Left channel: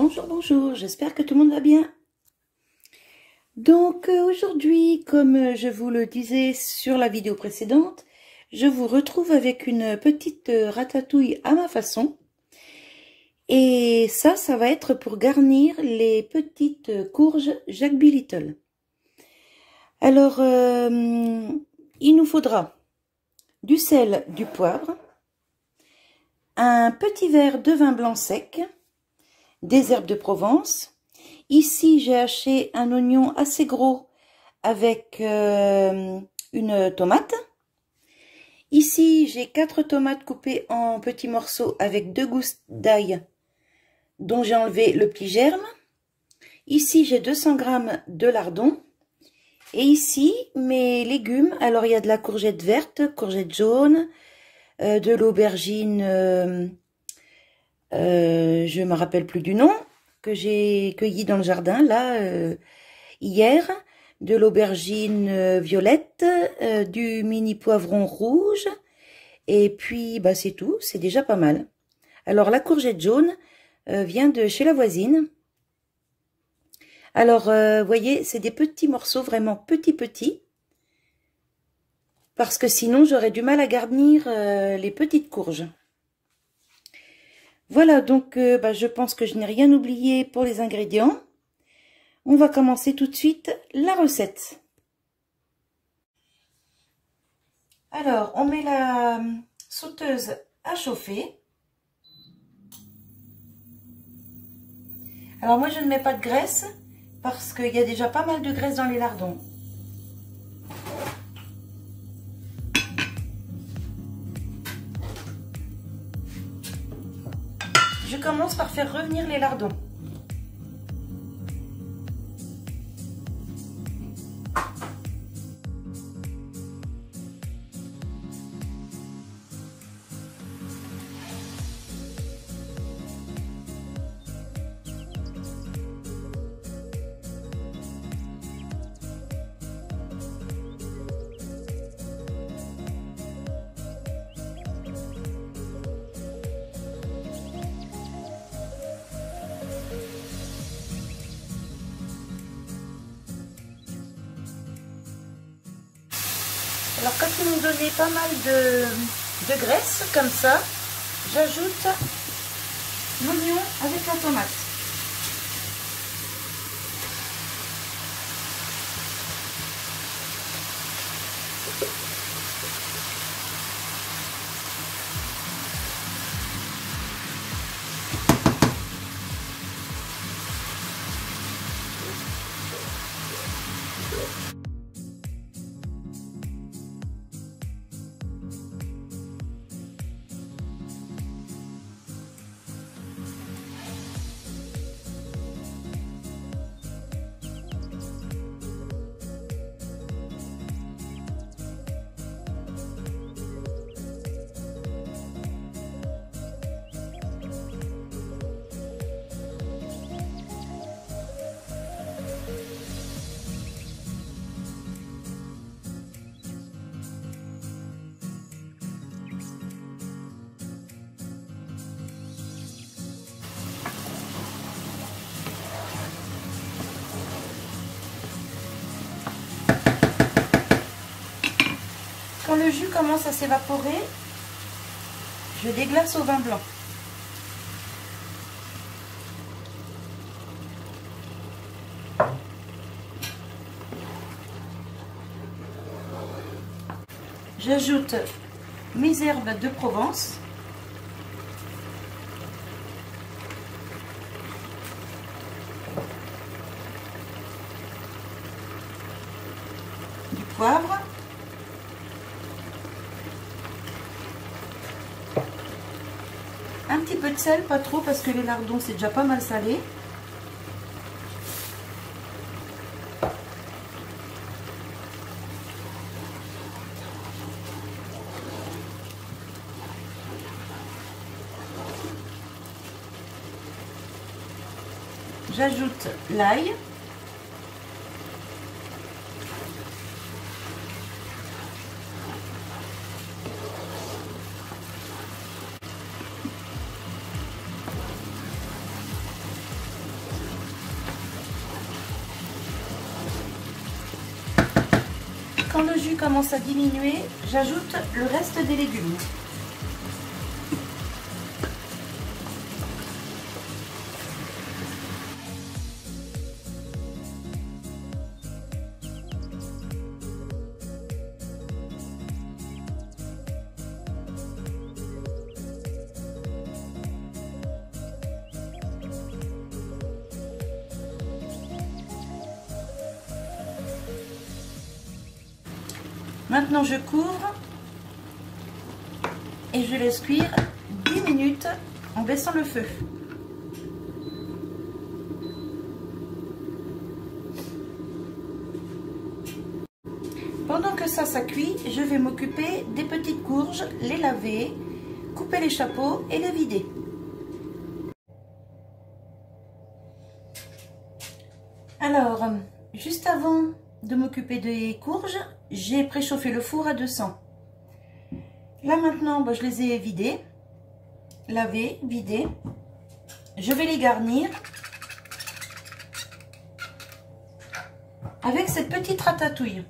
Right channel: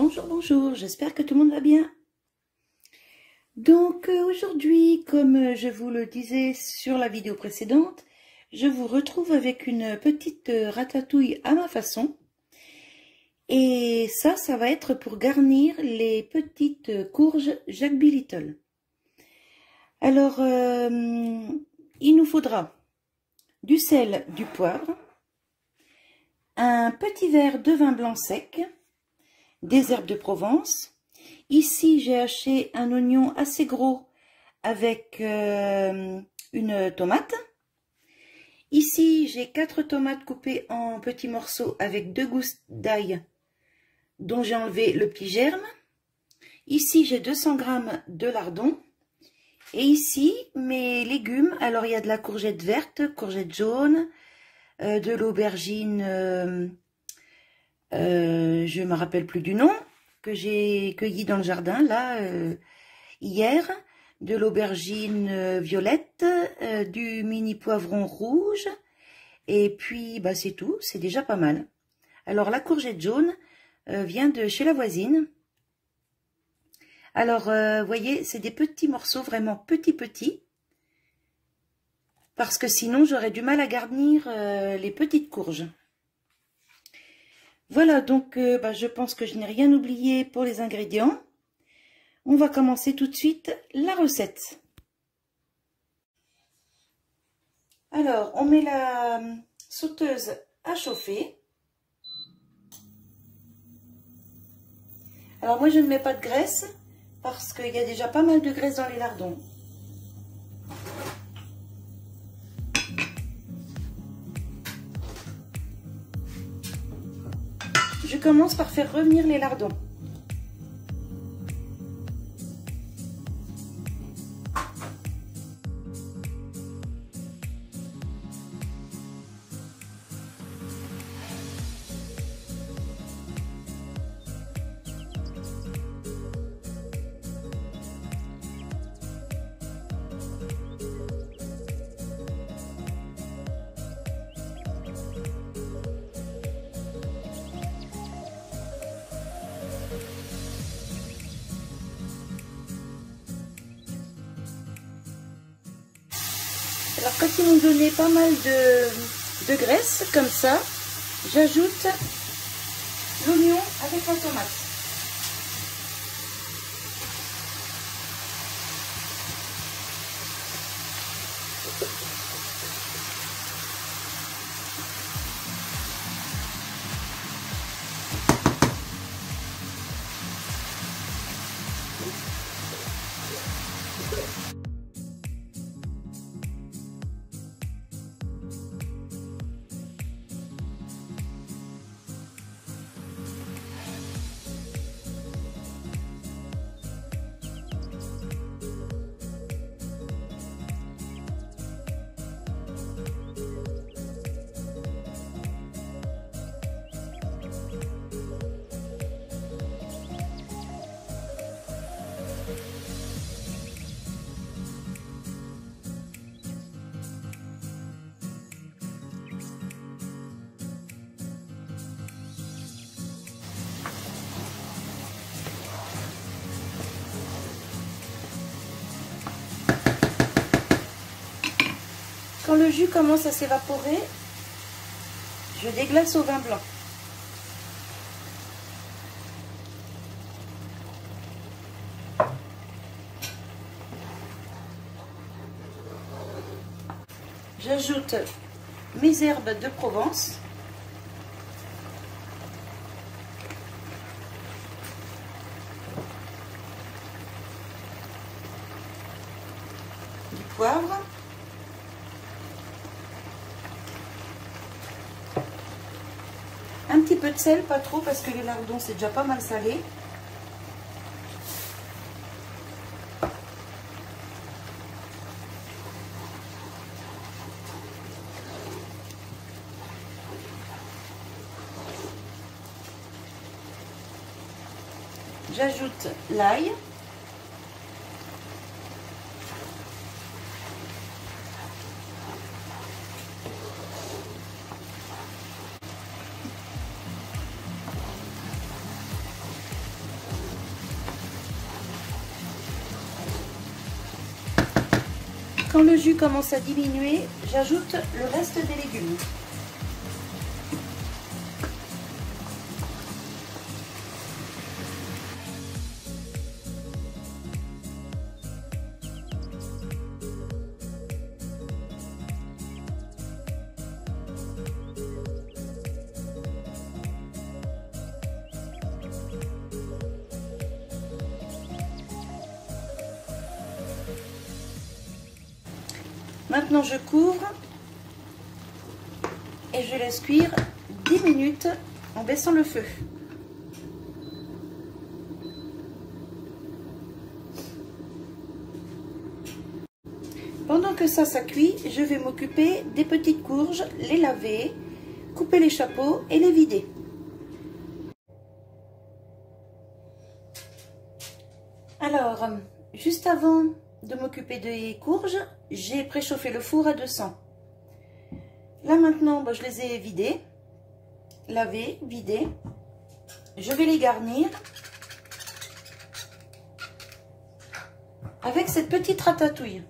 Bonjour, bonjour, j'espère que tout le monde va bien. Donc aujourd'hui, comme je vous le disais sur la vidéo précédente, je vous retrouve avec une petite ratatouille à ma façon. Et ça va être pour garnir les petites courges Jack B. Little. Alors, il nous faudra du sel, du poivre, un petit verre de vin blanc sec, des herbes de Provence. Ici, j'ai haché un oignon assez gros avec une tomate. Ici, j'ai 4 tomates coupées en petits morceaux avec 2 gousses d'ail dont j'ai enlevé le petit germe. Ici, j'ai 200 g de lardons. Et ici, mes légumes. Alors, il y a de la courgette verte, courgette jaune, de l'aubergine, je ne me rappelle plus du nom, que j'ai cueilli dans le jardin, là, hier. De l'aubergine violette, du mini poivron rouge. Et puis, bah, c'est tout, c'est déjà pas mal. Alors, la courgette jaune vient de chez la voisine. Alors, vous voyez, c'est des petits morceaux, vraiment petits. Parce que sinon, j'aurais du mal à garnir les petites courges. Voilà, donc bah, je pense que je n'ai rien oublié pour les ingrédients. On va commencer tout de suite la recette. Alors, on met la sauteuse à chauffer. Alors, moi, je ne mets pas de graisse parce qu'il y a déjà pas mal de graisse dans les lardons. Je commence par faire revenir les lardons. Alors quand ils nous donnaient pas mal de graisse comme ça, j'ajoute l'oignon avec la tomate. Quand le jus commence à s'évaporer, je déglace au vin blanc. J'ajoute mes herbes de Provence. Du poivre. Un petit peu de sel, pas trop parce que les lardons c'est déjà pas mal salé. J'ajoute l'ail. quand le jus commence à diminuer, j'ajoute le reste des légumes. Maintenant, je couvre et je laisse cuire 10 minutes en baissant le feu. Pendant que ça cuit, je vais m'occuper des petites courges, les laver, couper les chapeaux et les vider. Alors, juste avant de m'occuper des courges, j'ai préchauffé le four à 200. Là maintenant, je les ai vidés, lavés, vidés. Je vais les garnir avec cette petite ratatouille.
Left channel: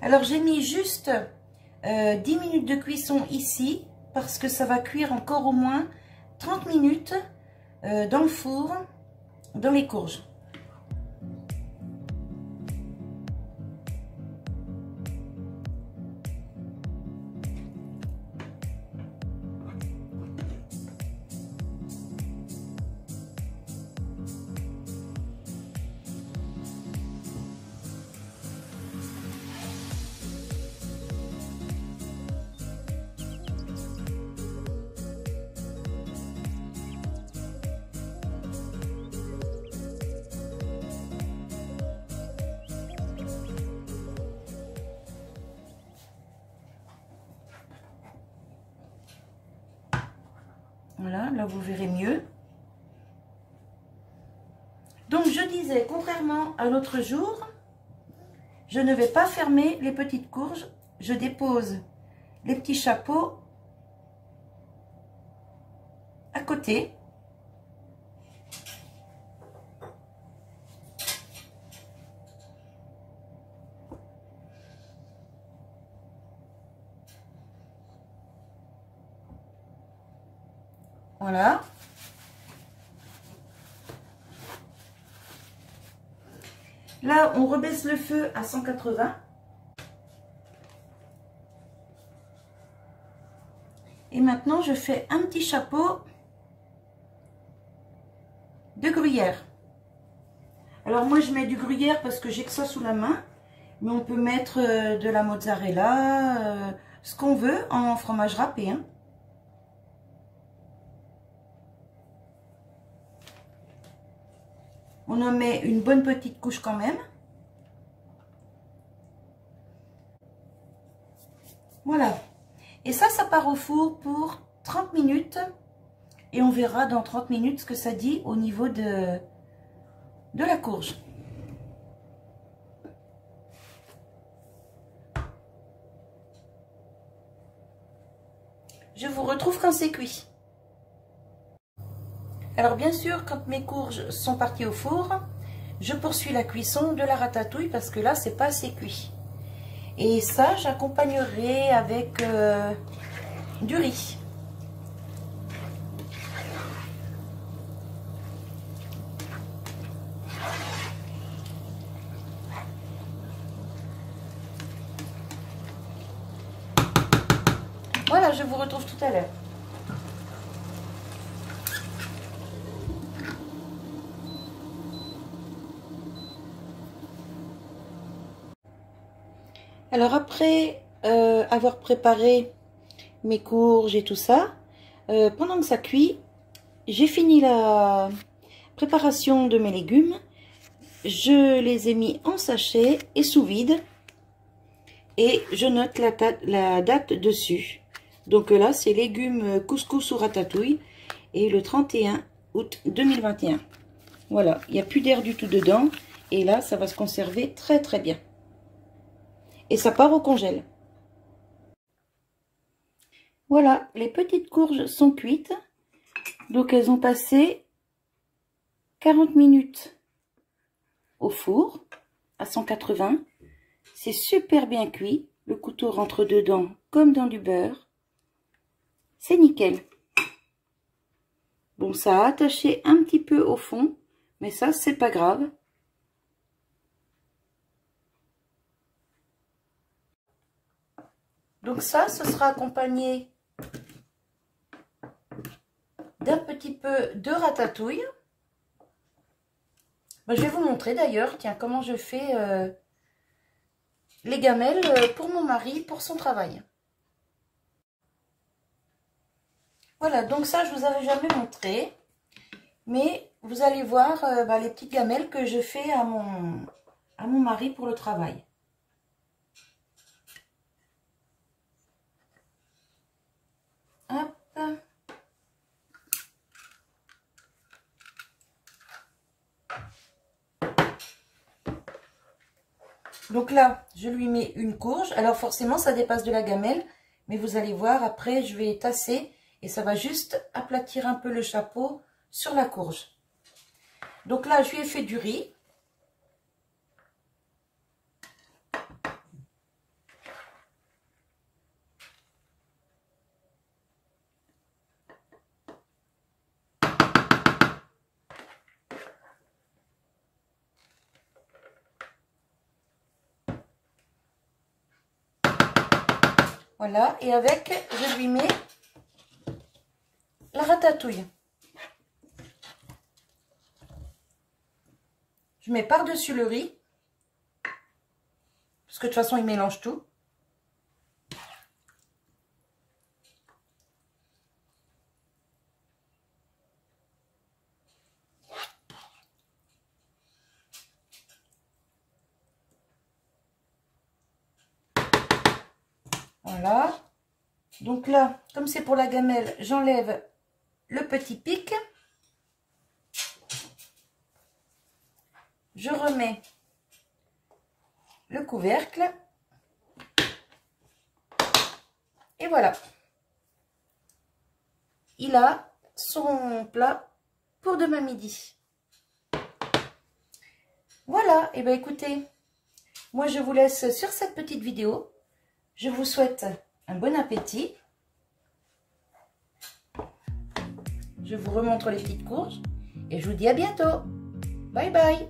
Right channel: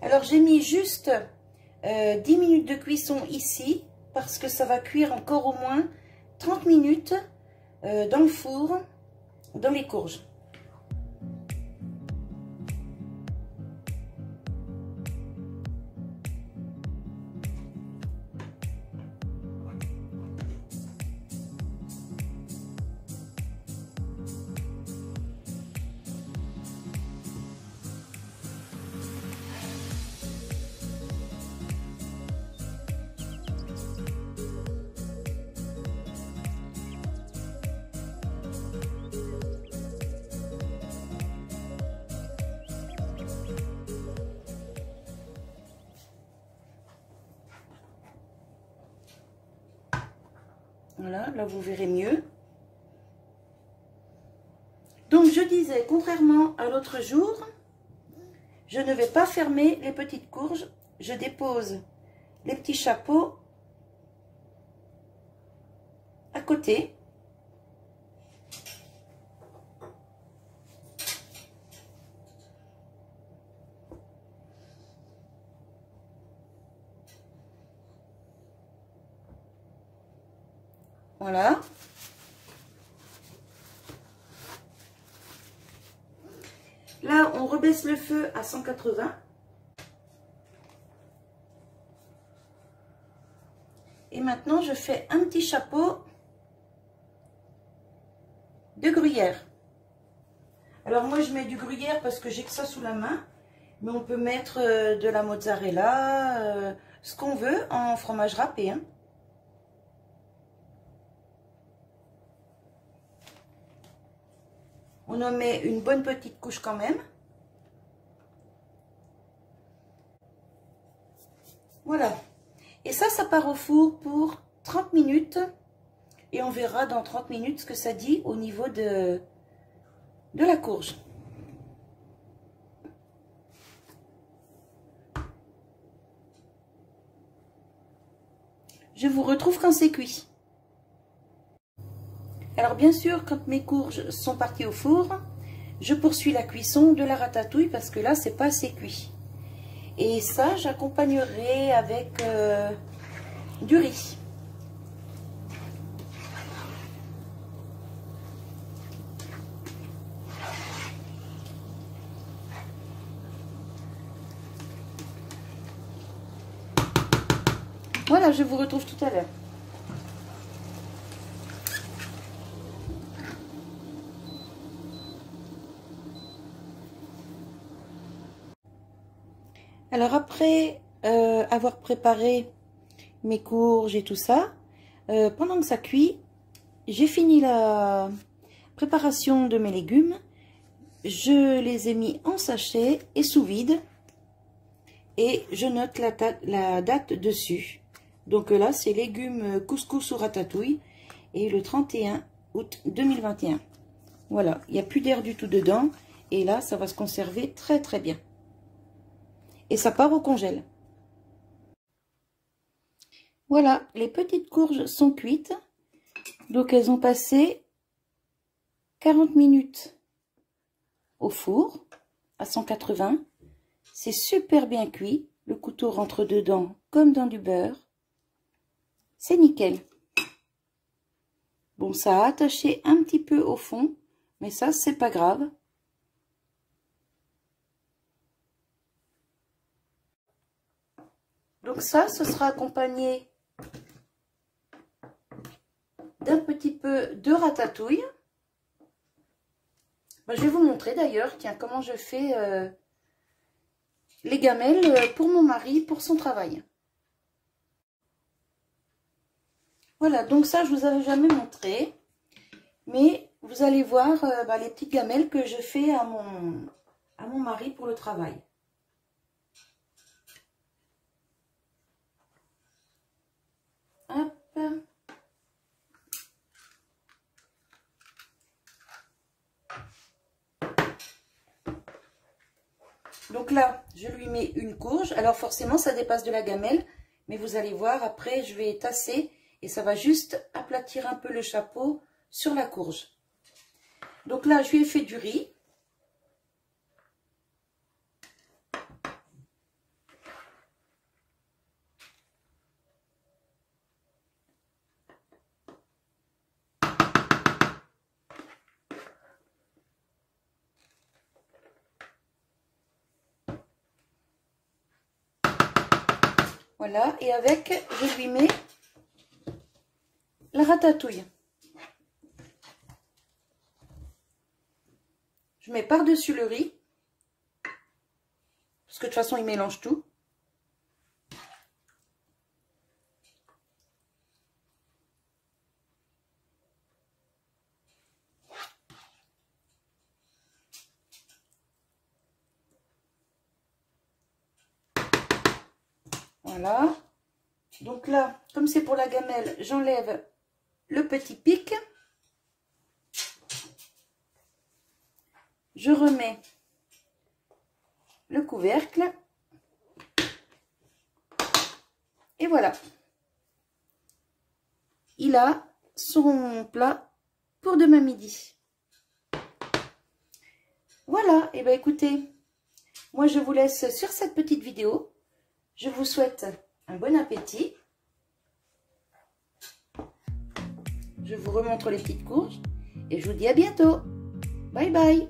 Alors j'ai mis juste 10 minutes de cuisson ici parce que ça va cuire encore au moins 30 minutes dans le four, dans les courges. Voilà, là vous verrez mieux. Donc je disais, contrairement à l'autre jour, je ne vais pas fermer les petites courges. Je dépose les petits chapeaux à côté. Voilà. Là, on rebaisse le feu à 180. Et maintenant, je fais un petit chapeau de gruyère. Alors moi, je mets du gruyère parce que j'ai que ça sous la main. Mais on peut mettre de la mozzarella, ce qu'on veut en fromage râpé, hein. On en met une bonne petite couche quand même. Voilà. Et ça part au four pour 30 minutes. Et on verra dans 30 minutes ce que ça dit au niveau de la courge. Je vous retrouve quand c'est cuit. Alors bien sûr, quand mes courges sont parties au four, je poursuis la cuisson de la ratatouille parce que là, c'est pas assez cuit. Et ça, j'accompagnerai avec du riz. Voilà, je vous retrouve tout à l'heure. Alors après avoir préparé mes courges et tout ça, pendant que ça cuit, j'ai fini la préparation de mes légumes. Je les ai mis en sachet et sous vide. Et je note la date dessus. Donc là, c'est légumes couscous ou ratatouille. Et le 31 août 2021. Voilà, il n'y a plus d'air du tout dedans. Et là, ça va se conserver très très bien. Et ça part au congèle. Voilà, les petites courges sont cuites. Donc elles ont passé 40 minutes au four à 180. C'est super bien cuit. Le couteau rentre dedans comme dans du beurre. C'est nickel. Bon, ça a attaché un petit peu au fond, mais ça, c'est pas grave. Donc ça, ce sera accompagné d'un petit peu de ratatouille. Je vais vous montrer d'ailleurs, tiens, comment je fais les gamelles pour mon mari, pour son travail. Voilà, donc ça, je vous avais jamais montré. Mais vous allez voir les petites gamelles que je fais à mon mari pour le travail. Hop. Donc là, je lui mets une courge. Alors forcément, ça dépasse de la gamelle. Mais vous allez voir, après, je vais tasser. Et ça va juste aplatir un peu le chapeau sur la courge. Donc là, je lui ai fait du riz. Voilà, et avec, je lui mets la ratatouille. Je mets par-dessus le riz, parce que de toute façon, il mélange tout. Voilà. Donc là, comme c'est pour la gamelle, j'enlève le petit pic. Je remets le couvercle. Et voilà. Il a son plat pour demain midi. Voilà. Et bien écoutez, moi je vous laisse sur cette petite vidéo. Je vous souhaite un bon appétit. Je vous remontre les petites courges. Et je vous dis à bientôt. Bye bye.